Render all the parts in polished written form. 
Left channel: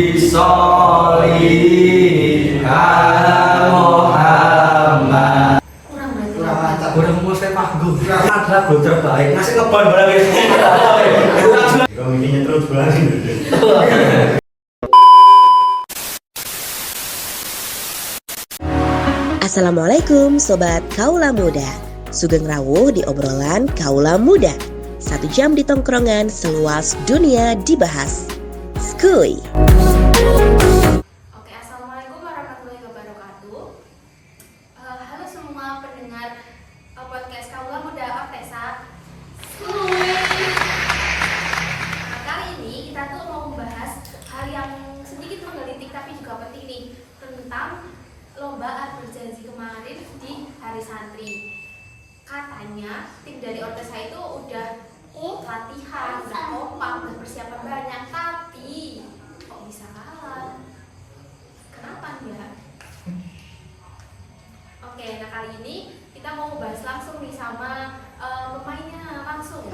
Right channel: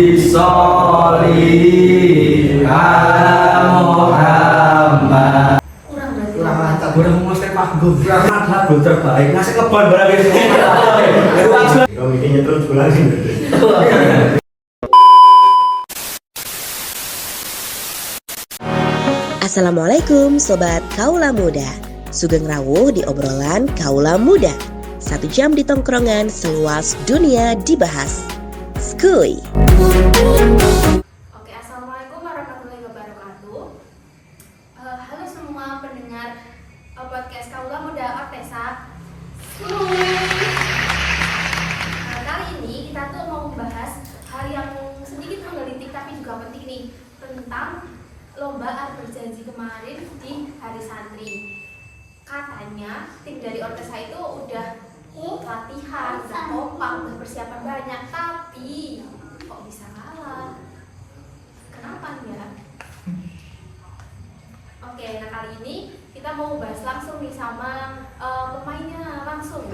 Sholli ala Muhammad. Kurang mantap. Udah mau mulai panggung. Kurang mantap lagu terbaik. Ngasih ngebon barang ya. Kau mikirnya terus pulang. Assalamualaikum Sobat Kaula Muda. Sugeng rawuh di obrolan Kaula Muda. 1 jam di tongkrongan seluas dunia dibahas. Skuy. Oke, assalamualaikum warahmatullahi wabarakatuh. Halo semua pendengar podcast Kaula Muda Ortesa. Skuy. Kali ini kita tuh mau membahas hal yang sedikit menggelitik tapi juga penting nih, tentang lomba Art Berjanji kemarin di Hari Santri. Katanya tim dari Ortesa itu udah latihan, udah kompak, udah persiapan banyak, tapi kok bisa kalah? Kenapa ya? Oke, nah kali ini kita mau bahas langsung nih sama pemainnya langsung.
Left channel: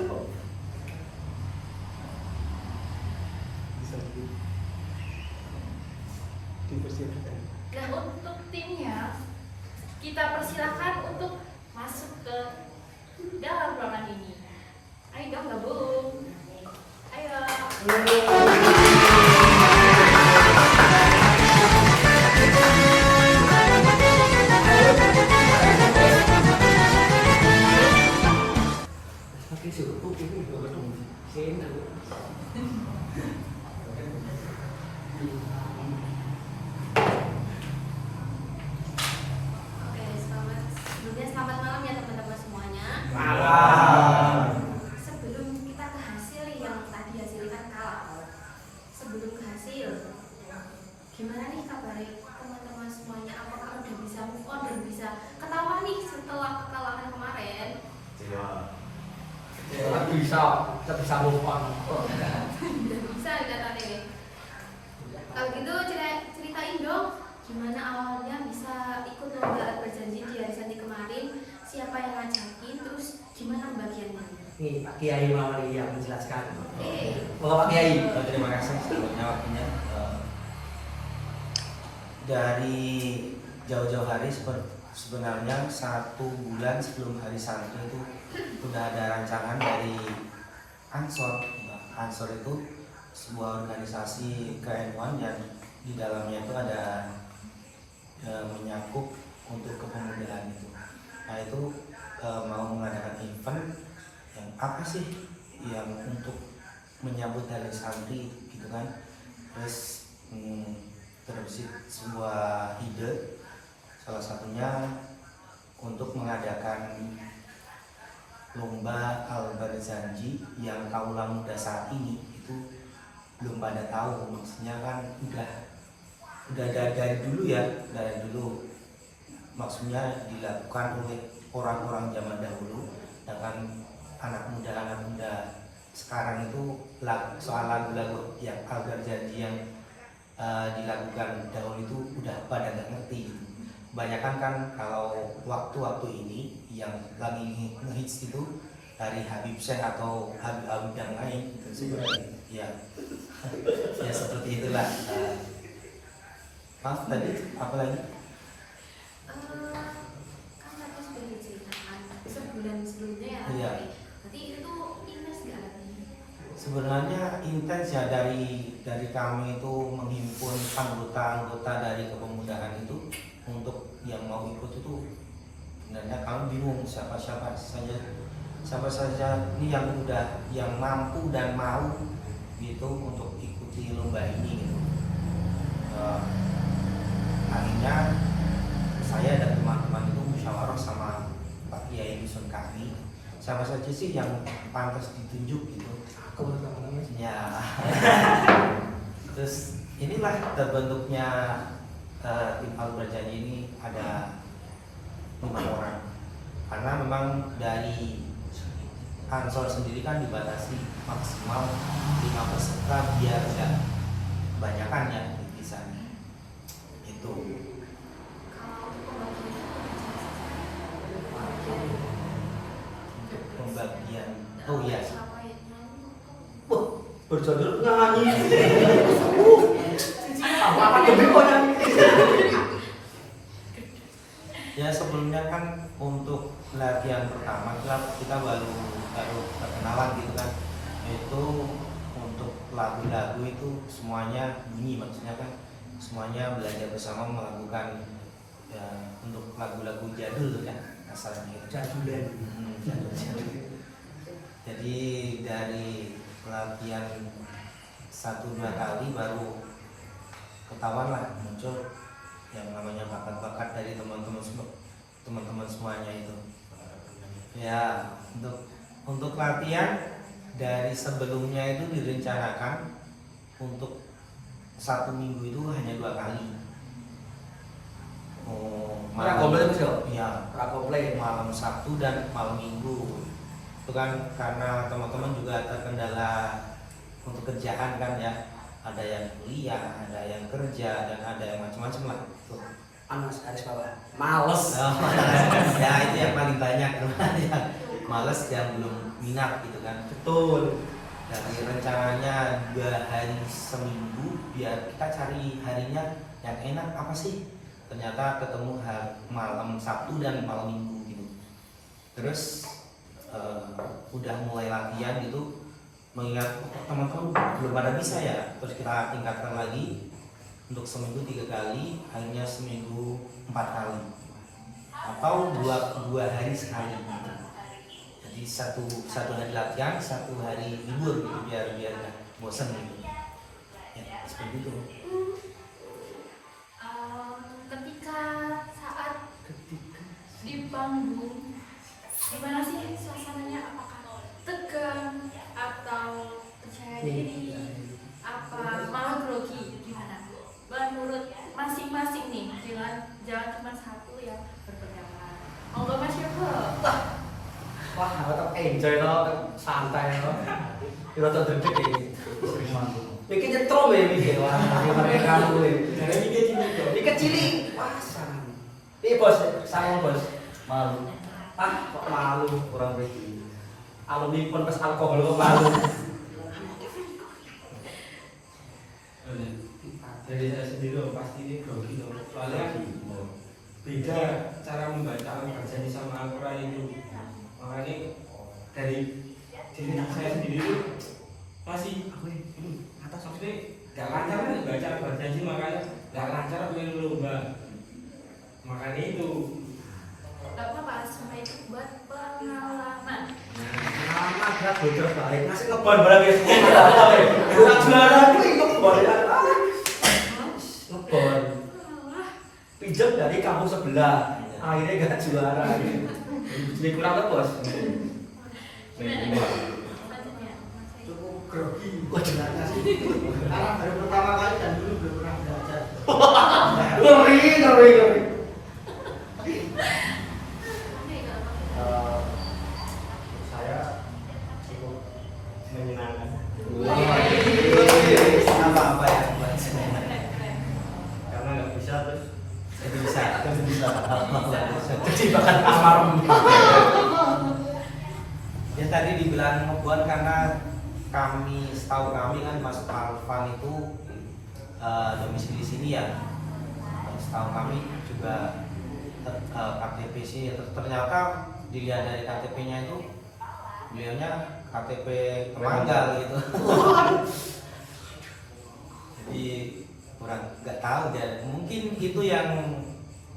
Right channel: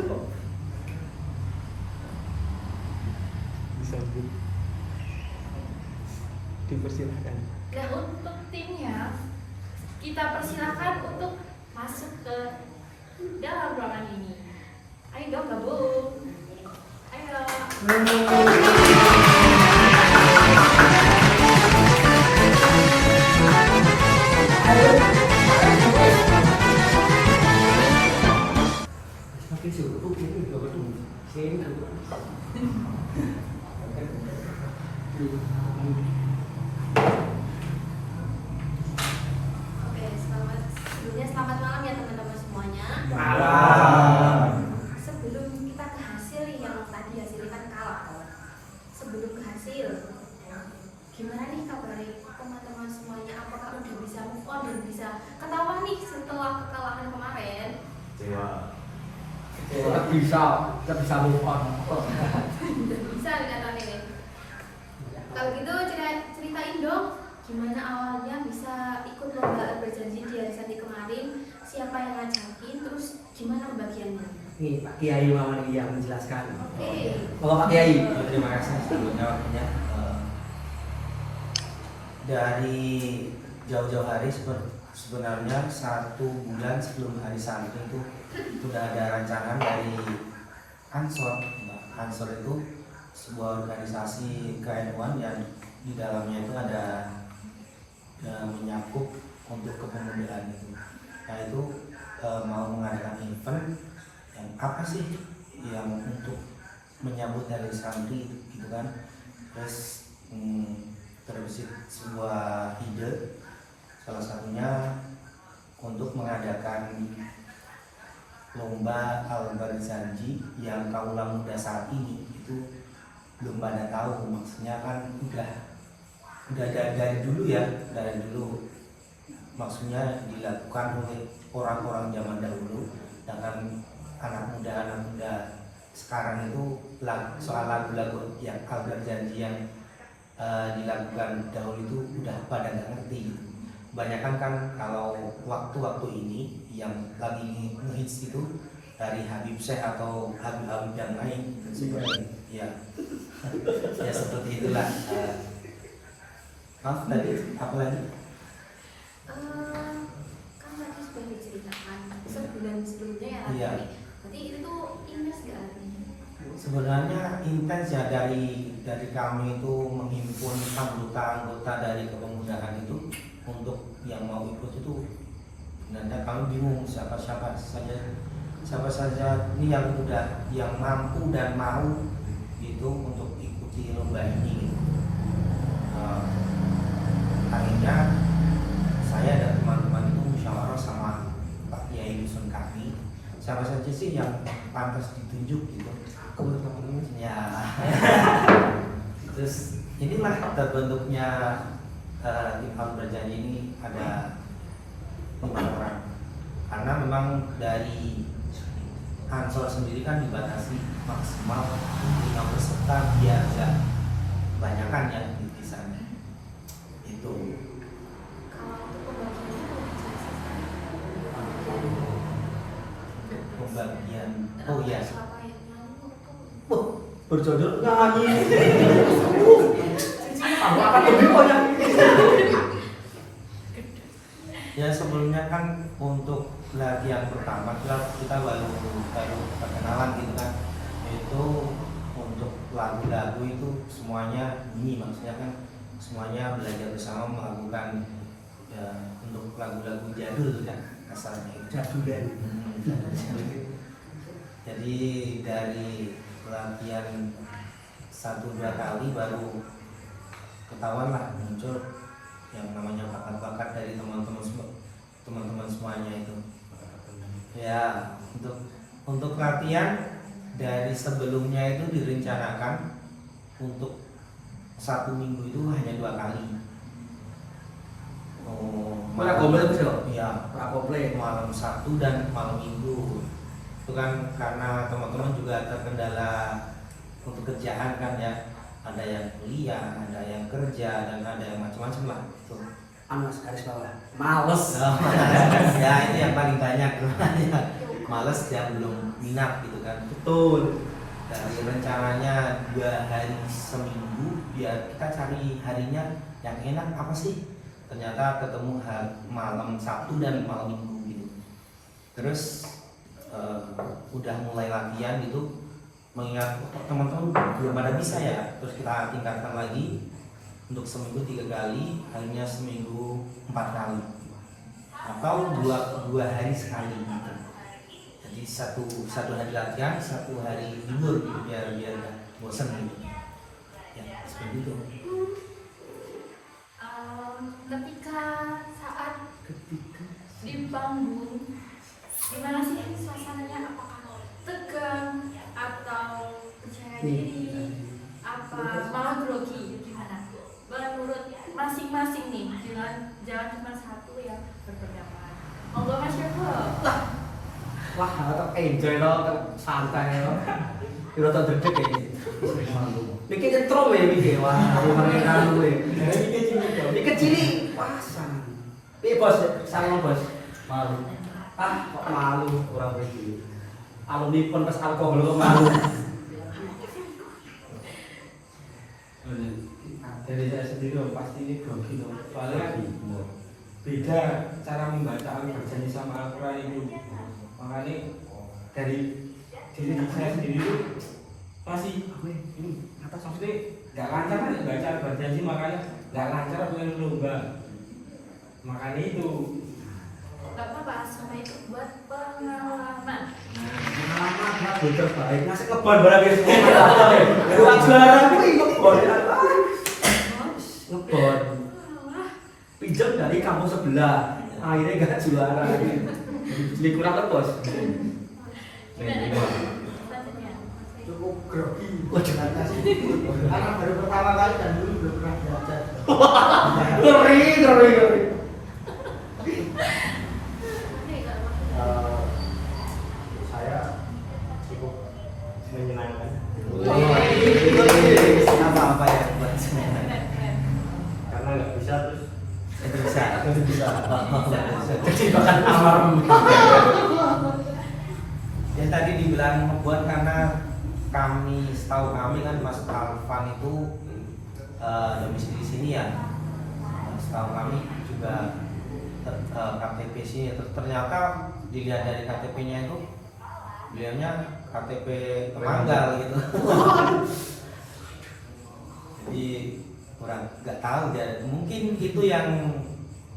Nah, untuk timnya kita persilahkan untuk masuk ke dalam ruangan ini. Ayo dong gabung. Ayo. Oke, sebelumnya selamat malam ya teman-teman semuanya. Sebelum kita ke hasil yang tadi hasilnya kan kalah. Sebelum ke hasil, gimana nih kabar teman-teman semuanya? Apakah udah bisa move on dan bisa ketawa nih setelah kekalahan kemarin? bisa move on. Udah bisa kata nih. Kalau gitu ceritain dong, gimana awalnya bisa ikut lomba Art Berjanji di Hari Santri kemarin? Siapa yang ngajakin? Terus gimana pembagiannya? Nih Pak Kiai mau yang menjelaskan. Oke. Pak Kiai. Terima kasih sebelumnya waktunya. Dari jauh-jauh hari sebenarnya 1 bulan sebelum Hari Santri itu sudah ada rancangan dari Ansor. Ansor itu sebuah organisasi keilmuan yang di dalamnya itu ada menyakup untuk kepemudaan itu. Nah itu mau mengadakan event yang apa sih yang untuk menyambut Hari Santri gitu kan. Terus terbesit sebuah ide, salah satunya untuk mengadakan lomba Art Berjanji yang kaula muda saat ini itu belum pada tahu. Maksudnya kan udah dari dulu ya, dari dulu maksudnya dilakukan oleh orang-orang zaman dahulu, sedangkan anak muda sekarang itu soal lagu-lagu yang Art Berjanji yang dilakukan dahulu itu udah pada nggak ngerti. Kebanyakan kan kalau waktu-waktu ini yang lagi ngehits itu dari Habib Syekh atau Habib yang lain seperti ya ya seperti itulah. Maaf tadi apa lagi? Kan tadi sudah diceritakan sebulan sebelumnya ya. Iya. Berarti itu tuh intens gak latihannya? Sebenarnya intens ya, dari kami itu menghimpun anggota dari kepemudaan itu untuk yang mau ikut itu. Sebenarnya kami bingung siapa saja ini yang mampu dan mau gitu untuk ikuti lomba ini gitu. Akhirnya saya dan teman-teman itu musyawarah sama Pak Kiai Dusun kami, siapa saja sih yang pantas ditunjuk gitu. Ya. Terus inilah terbentuknya tim Art Berjanji ini ada 5 orang. Karena memang dari Ansor sendiri kan dibatasi maksimal 5 peserta biar ya kebanyakan ya di sana. Itu. Kalau untuk pembagiannya tuh Pembagian. Oh iya. Siapa yang nyanyi? Berjodoh nyanyi. kita baru perkenalan gitu kan. Itu untuk lagu-lagu itu semuanya bunyi, maksudnya kan semuanya belajar bersama melakukan ya, untuk lagu-lagu jadul kan asalnya itu. Jadulan. Jadul. Jadi dari latihan 1-2 kali baru ketahuan lah muncul yang namanya bakat-bakat dari teman-teman semuanya itu. Ya, untuk latihan dari sebelumnya itu direncanakan untuk 1 minggu itu hanya 2 kali. Ora komplit Mas yo? Iya, Ora komplit. malam Sabtu dan malam Minggu. Itu kan karena teman-teman juga terkendala untuk kerjaan kan ya. Ada yang kuliah, ada yang kerja, dan ada yang macam-macam lah. Tuh. Mas garis bawah. Males. Ya itu yang paling banyak sebenarnya. Males yang belum minat gitu kan. Betul. Dari rencananya 2 hari seminggu biar kita cari harinya yang enak apa sih. Ternyata ketemu malam Sabtu dan malam Minggu gitu. Terus udah mulai latihan gitu, mengingat teman-teman belum pada bisa ya, terus kita tingkatkan lagi untuk seminggu 3 kali, hanya seminggu 4 kali atau 2 hari sekali gitu. Jadi satu hari latihan, 1 hari libur gitu biar nggak bosan gitu ya, seperti itu. Ketika saat di panggung, gimana sih suasananya? Apakah tegang atau percaya diri, apa malah grogi? Gimana? Menurut masing-masing nih, jangan cuma satu yang berpendapat. Monggo Mas Yoko. Wah, tetap enjoy tetap santai Kira tak deg iki. Iki nyetrum ya iki. Wah, pakai kamu ya. Iki cilik. Pasan. Bos, sama bos. Malu. Kok malu orang begini. Alumni pun pas alkohol kok malu. Dari saya sendiri pasti ini grogi dong. Soalnya beda cara membaca Al-Ghazali sama Al-Quran itu. Makanya dari diri saya sendiri itu masih ini atas maksudnya nggak lancar kan baca Al-Ghazali, makanya nggak lancar main lomba. Makanya itu Gak apa-apa, semua itu buat pengalaman. Anak bocor baik. Ngasih ngebon barang ya. Buat juara kuwi ngebon. Ngebon. Pinjam dari kampus sebelah. Akhirnya gak juara. Jadi kurang tebos. Gimana? Selanjutnya. Cukup grogi. Wah, jangan kasih. Anak baru pertama kali dan dulu belum pernah belajar. Ngeri. saya cukup menyenangkan. Apa yang buat senang? Karena nggak bisa terus Bisa. Jadi bahkan alarm. Yang tadi dibilang ngebuat karena setahu kami kan Mas Alvan itu domisili di sini ya. Setahu kami juga KTP sini. Ternyata dilihat dari KTP-nya itu beliaunya KTP Temanggal gitu. Jadi kurang nggak tahu ya, mungkin itu yang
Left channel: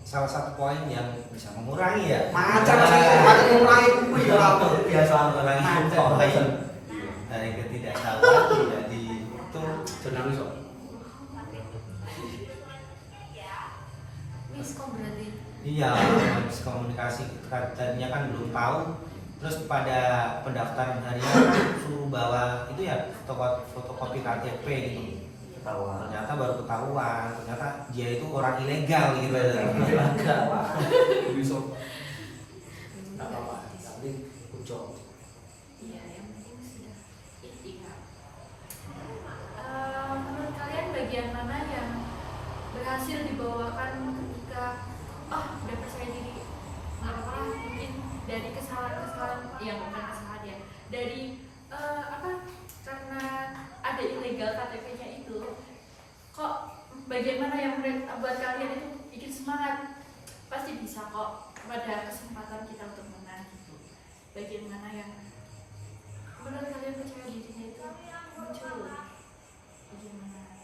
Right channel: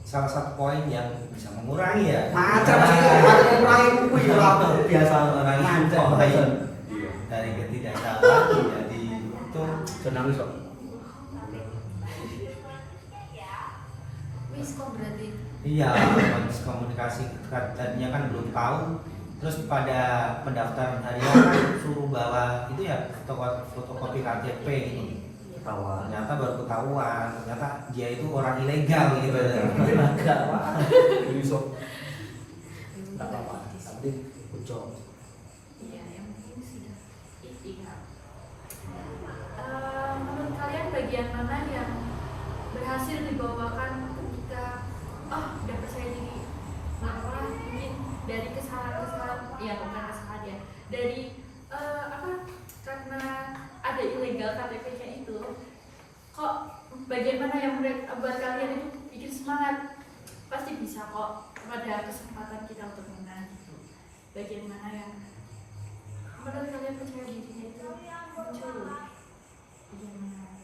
salah satu poin yang bisa mengurangi ya. Macam sih, mengurangi kumpul ya apa biasa mengurangi poin dari ketidaktahuan jadi itu senang kok. Miskom berarti. iya komunikasi tadinya kan belum tahu, terus pada pendaftaran harian kan suruh bawa itu ya fotokopi KTP gitu. Ternyata baru ketahuan, ternyata dia itu orang ilegal gitu. Enggak, wah. Ini sok. Enggak apa-apa, tapi ucap. Iya, yang penting sudah ikhtiar. Menurut kalian bagian mana yang berhasil dibawakan ketika udah percaya diri? Orang mungkin dari kesalahan-kesalahan, ya bukan kesalahan ya, dari karena ada ilegal KTP-nya itu, kok bagaimana yang buat kalian itu bikin semangat? Pasti bisa kok pada kesempatan kita untuk menang gitu. bagian mana yang Menurut kalian percaya dirinya itu muncul bagian mana?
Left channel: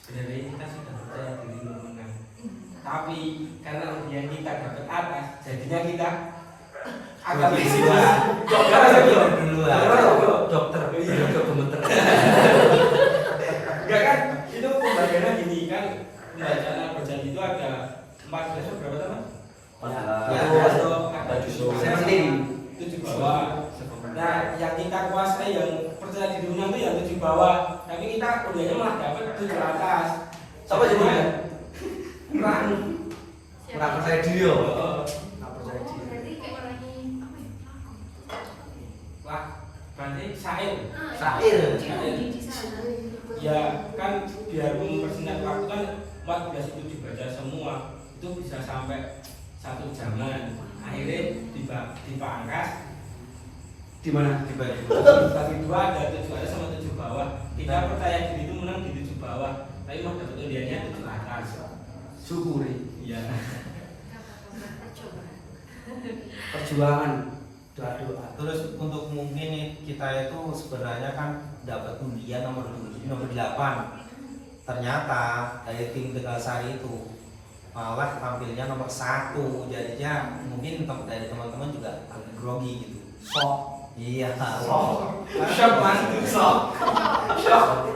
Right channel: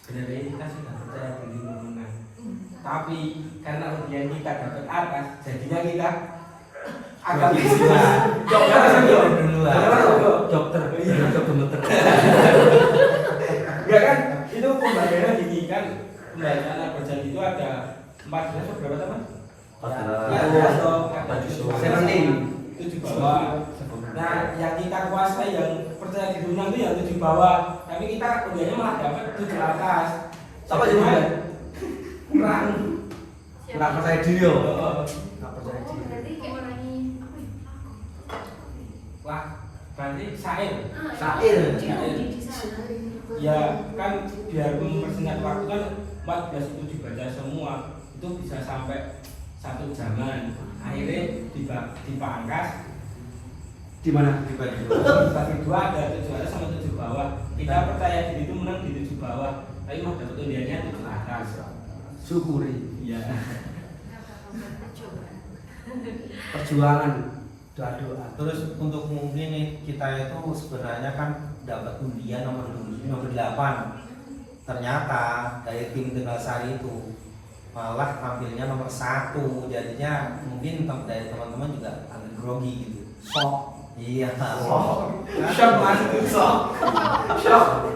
Sebenarnya kita sudah percaya diri untuk menang. Tapi karena undian kita dapat atas, jadinya kita agak Duluan. Dokter, dokter. ya kan? Itu pembayarannya gini kan, pembacaan berjanji itu ada 14 atau berapa teman? Tujuh bawah. Nah, yang kita kuasai, yang percaya diri menang itu yang 7 bawah. Tapi kita undiannya malah dapat 7 atas. Siapa jadinya? Kurang. Nggak percaya diri yo. Oh, Nggak percaya Oh, diri. berarti kayak mengurangi apa ya? Wah, berarti sair. Syair. Diundi di sana. Ya kan biar mempersingkat waktu kan 14 itu dibaca semua itu bisa sampai 1 jaman. Akhirnya dipangkas Di mana? Dibagi bagi 2 ada 7 atas sama 7 bawah. Kita percaya diri itu menang di 7 bawah, tapi mau dapat undiannya 7 atas. Syukuri. Iya. Nggak apa-apa, bercoba. Perjuangan doa-doa. Terus untuk mungkin nih, kita itu sebenarnya kan dapat undian nomor 8. Ternyata dari tim Tegalsari itu malah tampilnya nomor 1. Jadinya mungkin dari teman-teman juga agak grogi gitu. Sok. Iya. Shock mas, shock.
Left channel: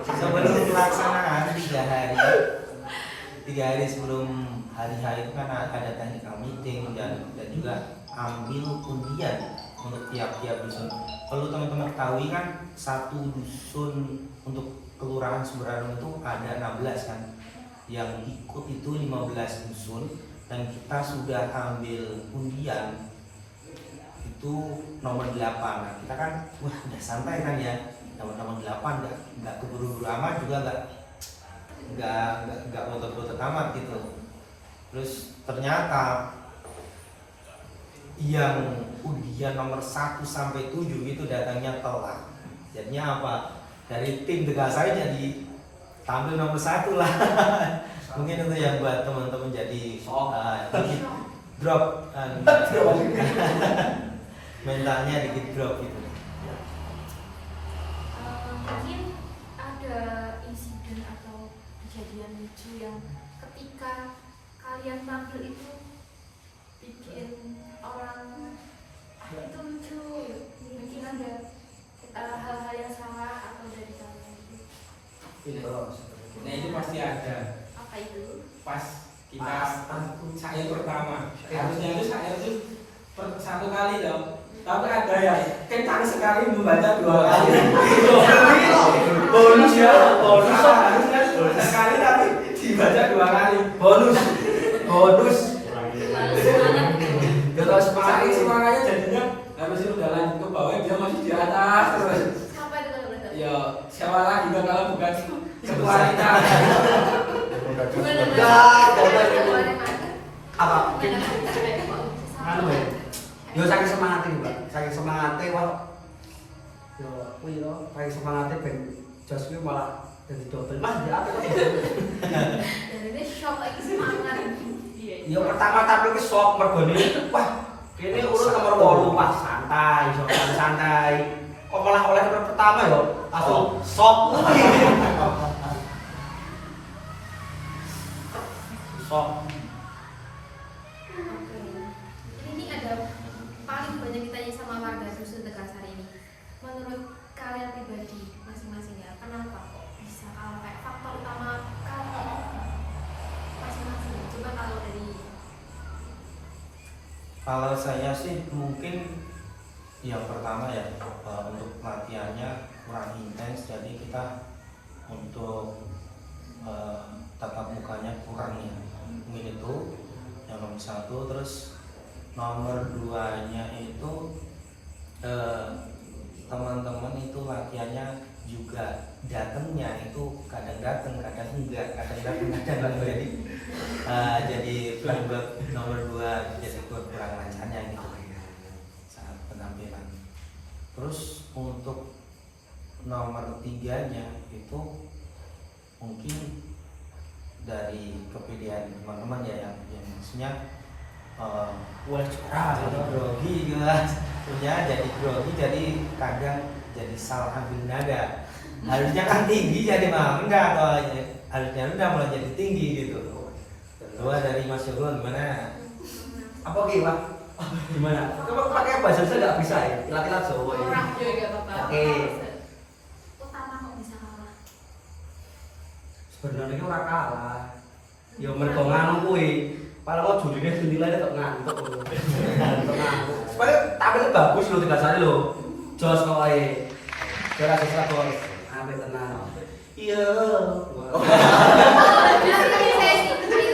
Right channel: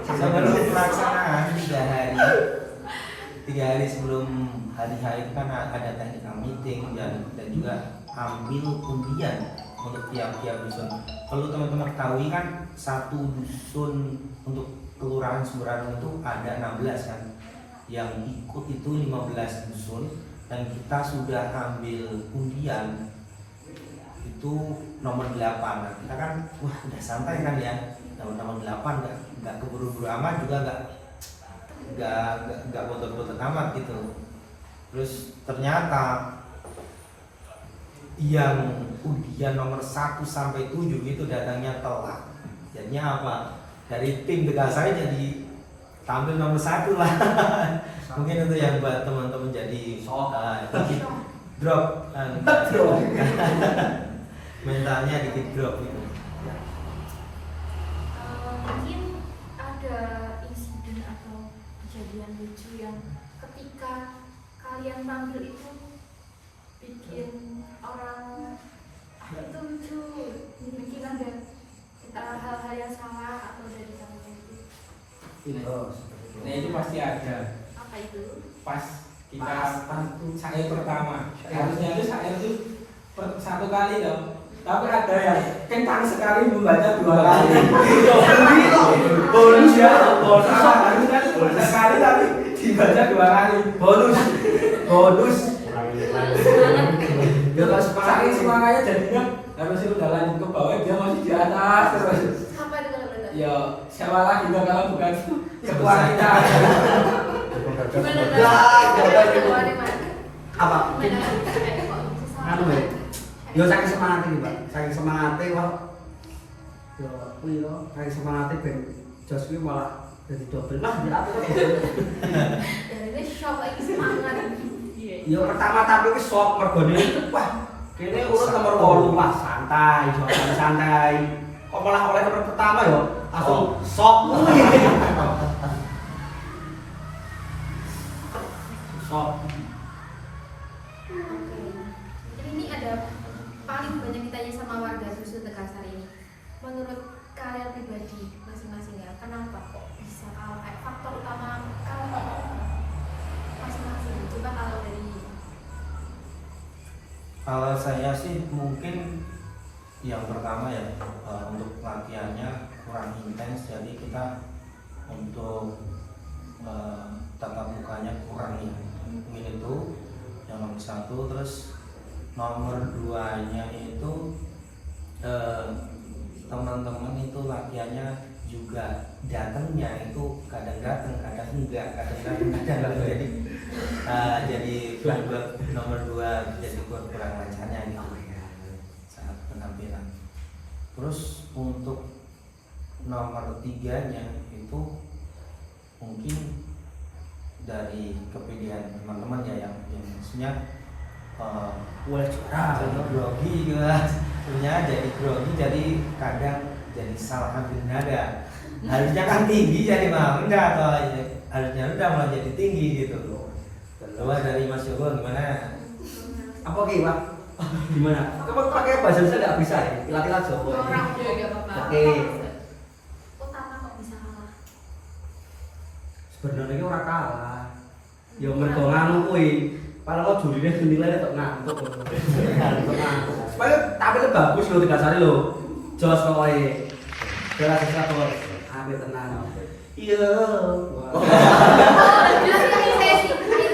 Sebelum pelaksanaan 3 hari sebelum hari H itu kan ada technical meeting dan kita juga ambil undian untuk tiap-tiap dusun. Kalau teman-teman ketahui kan satu dusun untuk kelurahan Sumberangan itu ada 16 kan, yang ikut itu 15 dusun dan kita sudah ambil undian itu nomor 8. Nah, kita kan wah udah santai kan ya, dapat nomor 8 nggak keburu-buru amat juga nggak botot-botot amat gitu. Terus ternyata yang undian nomor 1 sampai 7 itu datangnya telat. Jadinya apa? Dari tim Tegalsari jadi tampil nomor 1 lah. Mungkin itu yang buat teman-teman jadi dikit drop mentalnya dikit drop gitu. Mungkin ada insiden atau kejadian lucu yang ketika kalian tampil itu bikin orang itu lucu, mungkin ada hal-hal yang salah atau dari kalian itu Nah itu pasti ada. apa itu? Pas kita sair pertama, harusnya itu sair itu 1 kali dong. Tapi ada yang kencang sekali membaca 2 kali. Bonus ya, bonus. Harusnya sekali tapi dibaca 2 kali. Bonus. Ya kalau saking semangatnya jadinya harusnya udah lanjut ke bawah, dia masih di atas terus. Sampai itu kalau berarti Ya siapa lagi dong kalau bukan ketua kita. gimana Apa? gimana Anu ya. Yo saking semangatnya juga. Saking semangatnya wah. Yo kuwi yo saking semangatnya ben jos kuwi malah jadi double. Mas ya apa? dari ini shock lagi semangat. Iya. Yo pertama tampil ke sok mergone wah kene urut nomor 8 wah santai. Kok malah oleh nomor pertama yo langsung sok. Sok. Oke. Jadi ini ada paling banyak ditanya sama warga dusun Tegalsari ini. Menurut kalian pribadi masing-masing ya, kenapa kok bisa kayak faktor utama kalian itu masing-masing? Coba kalau dari Kalau saya sih mungkin yang pertama ya untuk latihannya kurang intens, jadi kita untuk tatap mukanya kurang ya. Mungkin itu yang nomor 1. Terus nomor 2-nya itu teman-teman itu latihannya juga datangnya itu kadang datang kadang enggak, jadi penyebab nomor 2 jadi kurang lancarnya gitu saat penampilan. Terus untuk nomor 3-nya itu mungkin dari kepedean teman-teman ya yang maksudnya Boleh curang. grogi gitu lah. punya jadi grogi, jadi kadang jadi salah ambil nada. Harusnya kan tinggi jadi malah rendah, atau harusnya rendah malah jadi tinggi gitu. Coba dari Mas Yogo gimana? Apa oke Pak? Gimana? Kamu pakai bahasa Indonesia nggak bisa ya? Ilat-ilat Jawa. Orang Iya, iya, Bapak. Oke. Utama kok bisa kalah. Sebenarnya ini orang kalah. Ya mereka nganu kuwi. Kalau mau jurine dinilai kok ngantuk. Ngantuk. Supaya tampil bagus lho digasane lho. Jos pokoke. Jelas sesuatu ambil tenang. Iya. Oh, ayo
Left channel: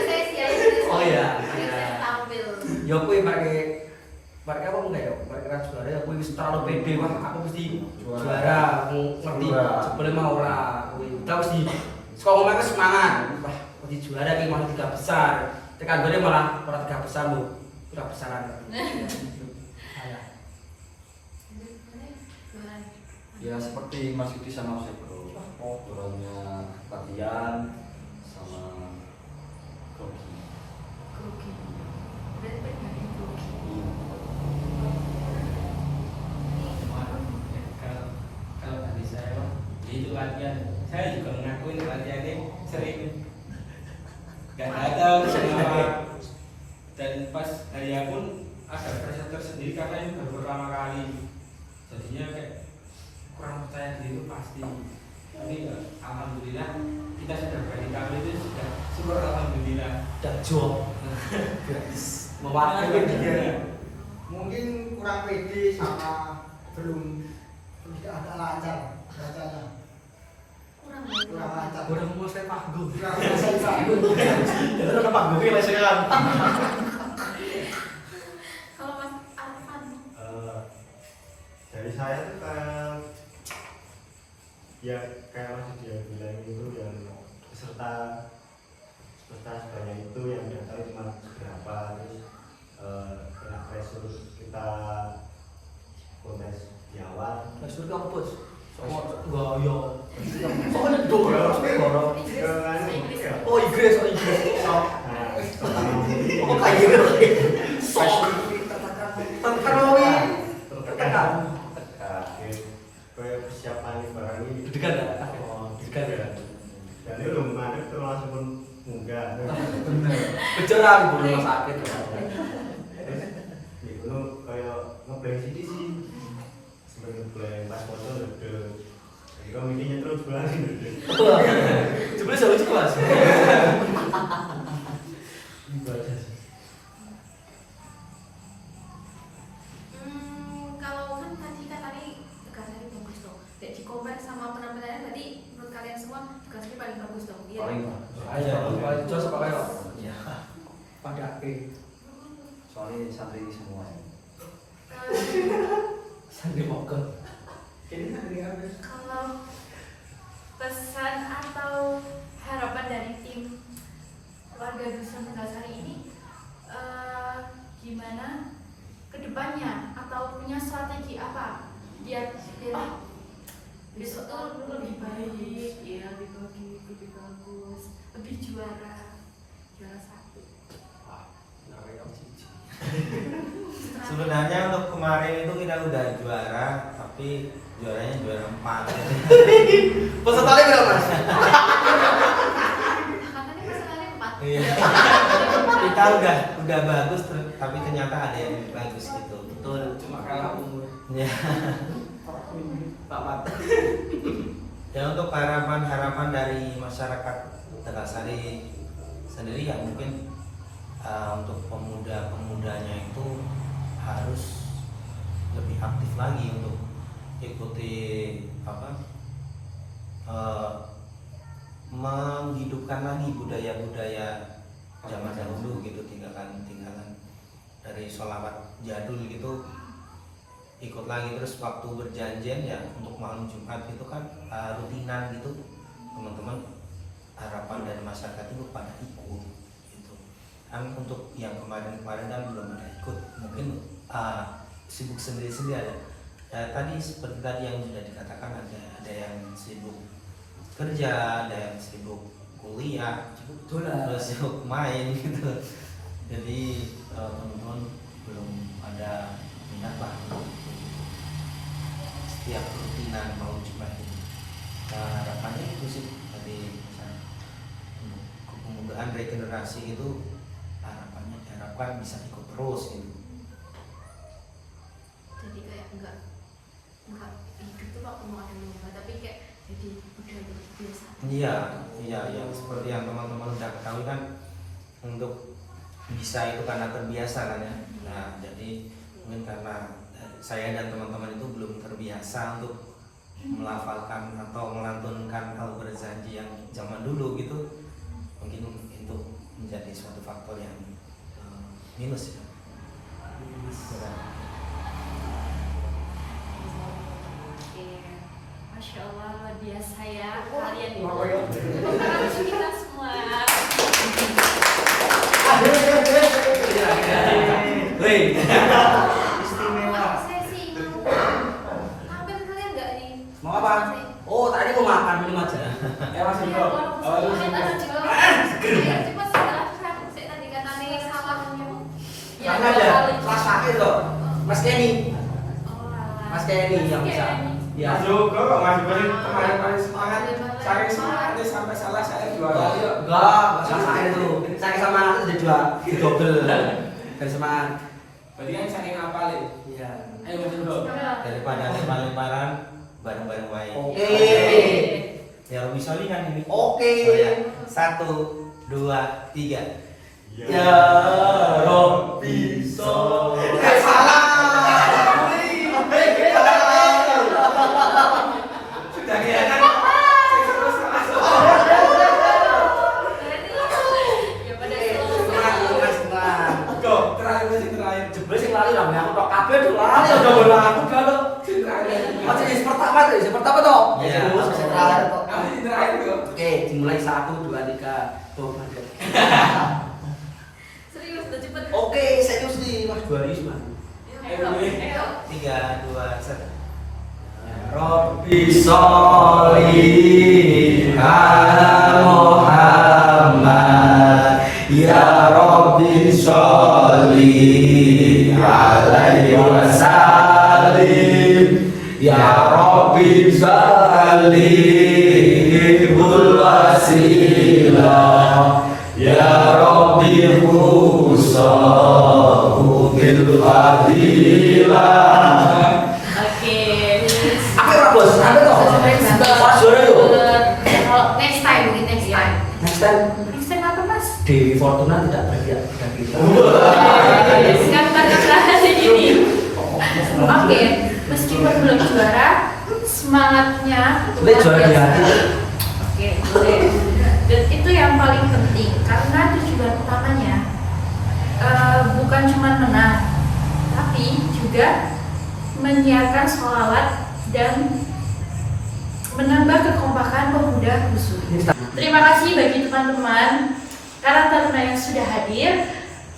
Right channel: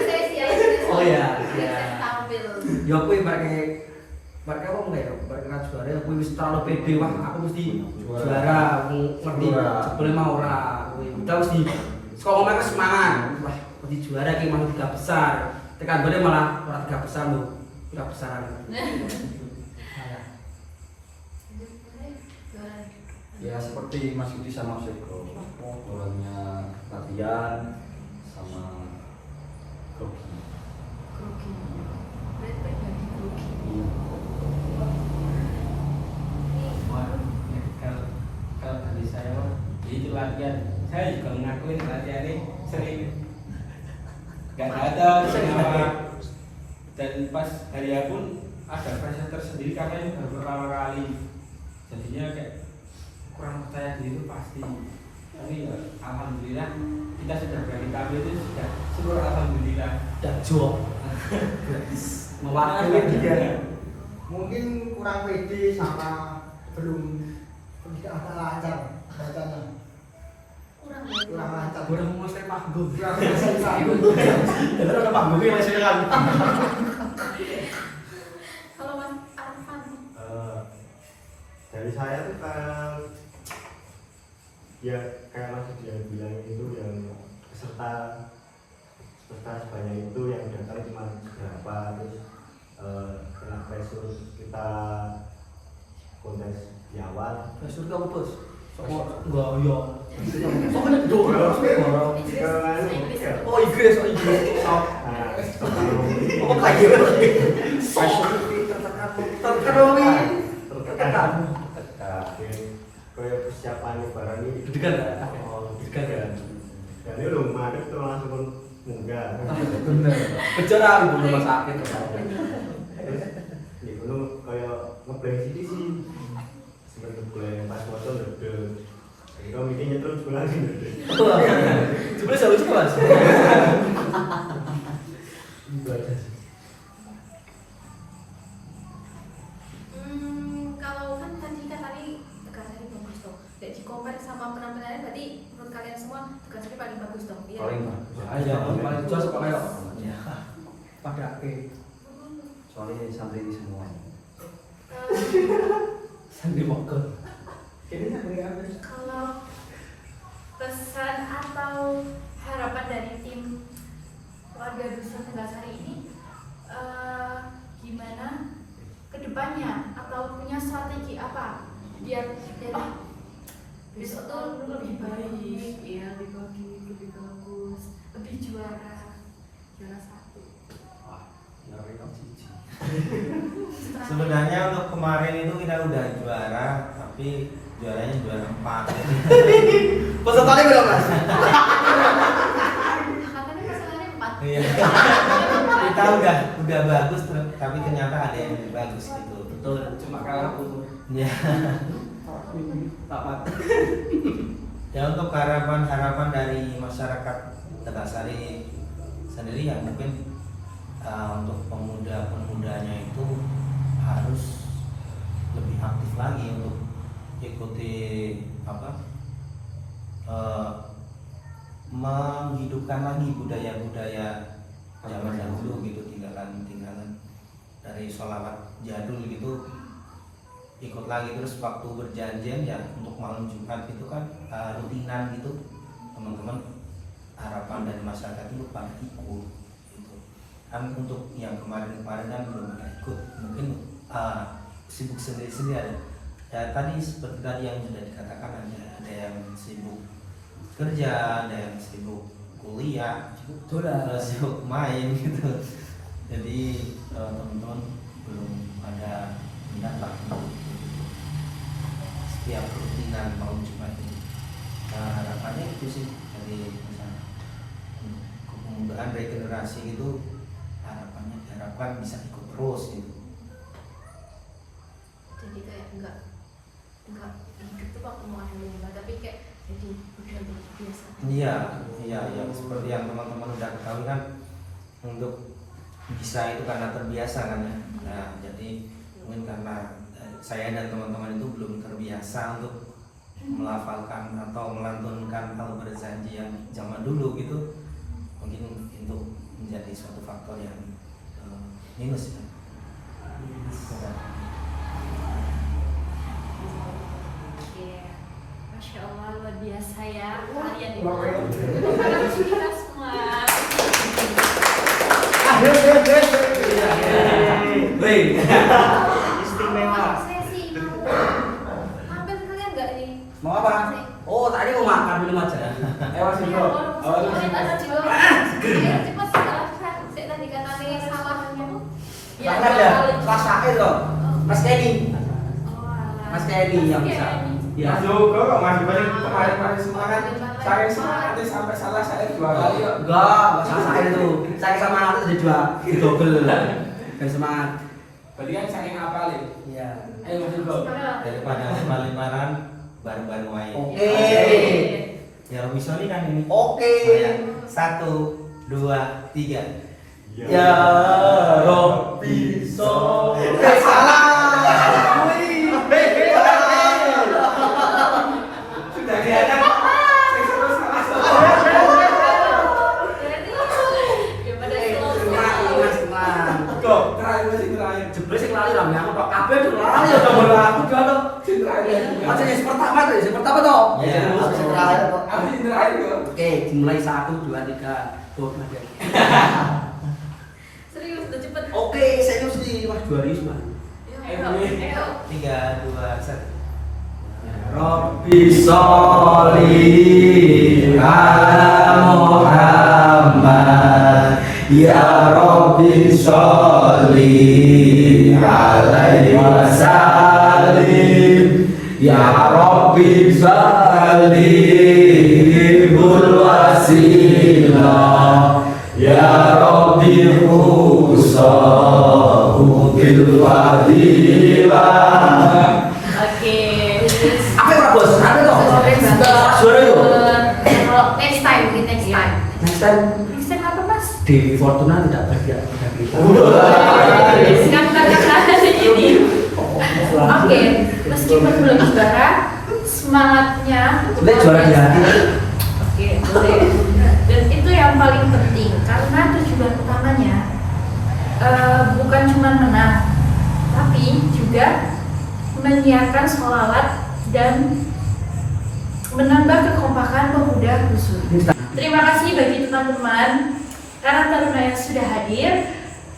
sesi. Oh iya. Sesi tampil. Ya kuwi mereka apa enggak ya? Mereka juara aku wis terlalu pede wah aku mesti juara. Aku ngerti sebelum mau ora kuwi. Udah mesti sekolah ngomongnya semangat. Wah, mesti juara ki mau 3 besar. Tekan gole malah ora 3 besar lho. 3 besaran. Ya seperti Mas Yudi sama Mas Eko, orangnya latihan sama grogi. Grogi. Berarti pribadi grogi. Iya. Kalau dari saya itu latihan, saya juga mengakuin latihannya sering nggak ada semua, dan pas hari pun ada pressure tersendiri karena ini baru pertama kali, jadinya kayak kurang percaya diri itu pasti. Tapi ya alhamdulillah kita sudah berani tampil itu sudah syukur alhamdulillah. Dan jo. Mewakili dia. Mungkin kurang pede sama belum tidak agak lancar bacanya, kurang lancar, Udah mau mulai panggung. kurang selesai. Dengar udah panggungnya lesnya kan. Kalau Mas Arfan, Dari saya tuh kayak ya kayak Mas Yudi yang bilang itu, yang peserta sebanyak itu yang datang cuma berapa, terus kena pressure kita kontes di awal. Pressure kamu bos. Enggak yo. Soalnya dorong dorong. Oh Inggris, oh Inggris. Apa kayak tertekan. Kayak persiapan barang ini Deg-degan enggak? Deg-degan ya. dan ini belum madep tuh langsung pun munggah. Bener. Bicara ibu rumah sakit. Nih gunung kayak ngeblank sih sampai ngeblank pas foto ndedel. Kira mikirnya terus lagi ndedel. Coba saya lucu Mas. Itu aja sih. Kalau kan tadi katanya Tegasari bagus dong. Tidak di-compare sama penampilannya, berarti menurut kalian semua Tegasari paling bagus dong. Iya. Paling bagus. Ayo, paling jos apa kayak? Pada Soalnya santri semua. Sandi mogok. Ini sandi apa? Kalau pesan atau harapan dari tim warga Dusun Tegasari ini gimana kedepannya, atau punya strategi apa biar besok tuh lebih baik, ya lebih bagus, lebih juara 1. Sebenarnya untuk kemarin itu kita udah juara, tapi juaranya juara 4 gitu. Pesertanya berapa? Katanya pasangannya 4. Iya. Kita udah bagus, tapi ternyata ada yang lebih bagus gitu. Betul, cuma kalah umur. Ya. Papat. Ya untuk harapan dari masyarakat Tegasari sendiri ya mungkin untuk pemuda-pemudanya itu harus lebih aktif lagi untuk ikuti menghidupkan lagi budaya-budaya zaman dahulu gitu, tinggalan dari sholawat jadul gitu, ikut lagi. Terus waktu berjanjian ya untuk malam Jumat itu kan rutinan gitu, teman-teman harapan dari masyarakat itu pada ikut gitu kan. Untuk yang kemarin kan belum ada ikut, mungkin sibuk sendiri-sendiri ada. Ya tadi seperti tadi yang sudah dikatakan, ada yang sibuk kerja, ada yang sibuk kuliah, ada sibuk main gitu. Jadi teman-teman belum ada minatlah setiap rutinan malam Jumat ini. Harapannya itu sih dari misalnya kepemudaan regenerasi itu diharapkan bisa ikut terus gitu. Jadi kayak enggak hidup tuh waktu mau ada lomba, tapi kayak jadi udah biasa. Iya seperti yang teman-teman udah ketahui kan, untuk bisa itu karena terbiasa kan ya. Nah jadi mungkin karena saya dan teman-teman itu belum terbiasa untuk melafalkan atau melantunkan hal berjanji yang zaman dulu gitu, mungkin itu menjadi suatu faktor yang minus ya. Masya Allah, luar biasa ya kalian ini. Terima kasih kita semua. Istimewa. Saya sih mau tampil kalian nggak nih? Mau apa? Oh, tadi mau makan minum aja. Mas Iya, Indro. cepat setelah saya tadi katanya sama Ya ada rasanya loh. Mas Kenny. Mas Kenny yang bisa. Ya. Mas Joko kok Mas Joko kemarin semangat. Saya semangatnya sampai salah saya 2 kali kok. Enggak sama saya itu. Saya sama aku udah double. Dan semangat. Berarti kan saking apa nih? Iya. Ayo Mas Joko. Daripada lempar-lemparan bareng-bareng main. Oke. Ya bisa nih kan ini. Oke. Nah, 1, 2, 3. Ya Robbi salah. Sudah kelihatan. Ya pada Kok terakhir. Jebule sing lali lah aku tok kabeh tuh lali ya gambar aku dia lo. Macam yang pertama tuh, yang pertama toh. Iya. Aku yang terakhir kok. Oke, dimulai 1 2 3. Tuh, Mas. serius udah cepet. Oke, serius nih Mas Baris, Mas. Ayo. 3, 2, 1. Robbi sholli ala Muhammad, ya Robbi sholli alaihi wasallim, ya Robbi sallihul wasilah, ya Robbi khusahu bil fadilah. Apa ya bos? Apa toh? Suara yuk. Kalau next time mungkin next time. Next time Next time apa mas? di Fortuna tidak bahagia dengan kita. Kata-kata hari ini. Oke, meskipun belum juara, semangatnya Boleh juara di hati. Oke, boleh. Dan itu yang paling penting karena tujuan utamanya bukan cuma menang, tapi juga menyiarkan sholawat dan menambah kekompakan pemuda Gusur. Terima kasih bagi teman-teman karena taruna yang sudah hadir.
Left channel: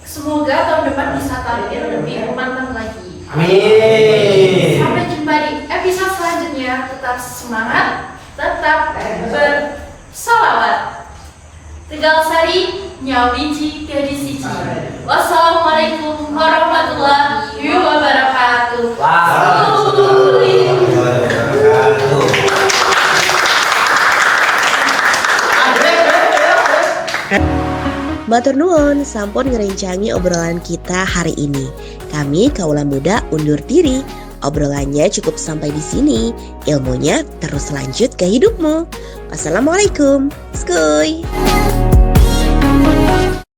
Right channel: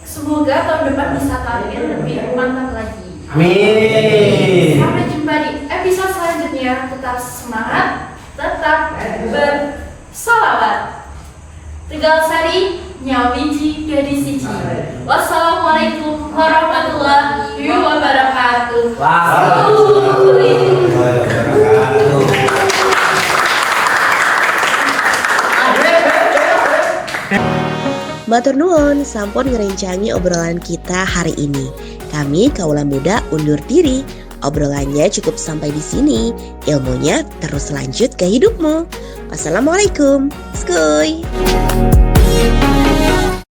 Semoga tahun depan bisa tampil lebih mantap lagi. Amin. Sampai jumpa di episode selanjutnya. Tetap semangat, tetap bersalawat. Tegal Sari, Nyawiji, Gadis Siji. Wassalamualaikum warahmatullahi wabarakatuh. Matur nuwun, sampun ngerencangi obrolan kita hari ini. Kami Kaula Muda undur diri. Obrolannya cukup sampai di sini. Ilmunya terus lanjut ke hidupmu. Wassalamualaikum. Skuy.